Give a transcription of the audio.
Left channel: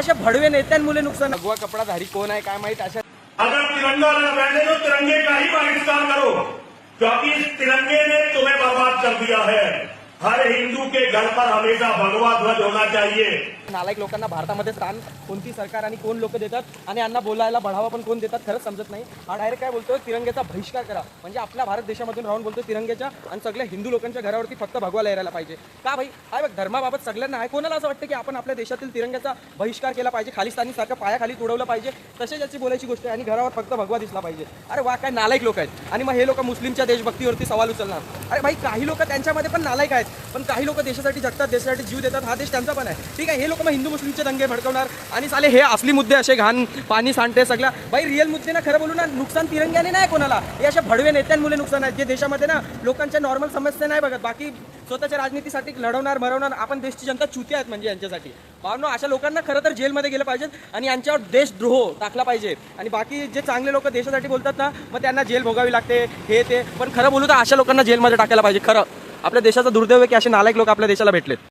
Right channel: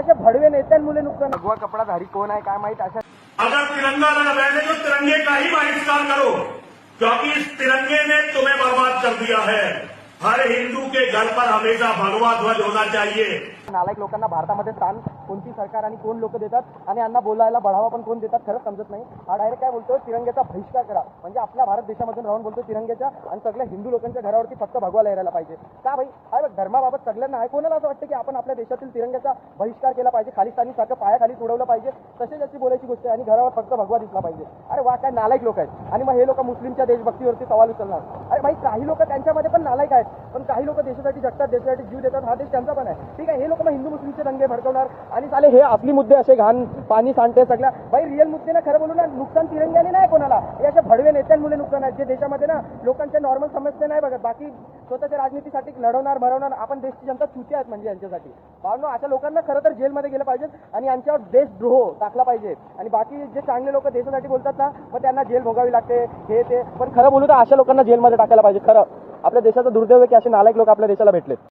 अशा भडवे नेत्यांमुळे नुकसान। भगवा कपडाधारी कोण आहे काय माहित। अशा अगर तिरंगा लगा रहने तो तिरंगे का ही बहिष्कार करो, क्योंकि इस तिरंगे ने तुम्हें बर्बाद कर दिया है। हर हिंदू के घर पर हमेशा भगवा ध्वज होना चाहिए। नालायक लोकांना भारतामध्ये स्थान कोणती सरकार आणि कोण लोक देतात आणि यांना बोलायला बढावा पण कोण देतात खरंच समजत नाही। हा डायरेक्ट काय बोलतोय तिरंग्याचा बहिष्कार करा, म्हणजे आपल्या भारत देशामधून राहून बोलतोय तिरंग्याच्या आणि सगळ्या हिंदू लोकांच्या घरावरती फक्त भगवा लहरायला पाहिजे का भाई? काय बघ धर्माबाबत सगळ्यांना आहे, कोणाला असं वाटतं की आपण आपल्या देशातील तिरंग्याचा बहिष्कार केला पाहिजे, खालिस्तानी सारखं पायाखाली तुडवलं पाहिजे, तसेच याची बोलायची गोष्ट आहे आणि घरावर फक्त भगवा दिसला पाहिजे। अरे वा काय नालायक लोक आहेत। आणि मग हे लोक मुस्लिमच्या देशभक्तीवरती सवाल उचलणार। अरे भाई काही लोक त्यांच्यामध्ये पण नालायक आहेत, पण काही लोक देशासाठी जगतात, देशासाठी जीव देतात, हा देश त्यांचा पण आहे, ठीक आहे। हे लोक मग हिंदू मुस्लिमचे दंगे भडकवणार आणि साले हे असली मुद्दे असे घाण पाणी सांडते सगळ्या। भाई रिअल मुद्दे ना खरं बोलू ना, नुकसान तिरंग्याने नाही कोणाला, हे अशा भडवे नेत्यांमुळे नुकसान आहे जे देशामध्ये ना लोकांच्या नॉर्मल समस्या नाही बघत, बाकी स्वतःच्या राजनीतीसाठी लढवणार मरवणार। आपण देशची जनता चुती आहेत म्हणजे यांच्यासाठी। भावनो अशा लोकांना खरं तर जेलमध्ये गेलं पाहिजे आणि यांच्यावर देशद्रोह टाकला पाहिजे। आणि बाकी जे चांगले लोक देशासाठी बोलतात ना मग त्यांना जेल भोगावी लागते हे ते, पण खरं बोलू तर अशा लोकांना जेलमध्ये टाकायला पाहिजे। खरं आपल्या देशाचा दुर्दैव आहे की असे नालायक लोक आपल्या देशाला भेटलेत।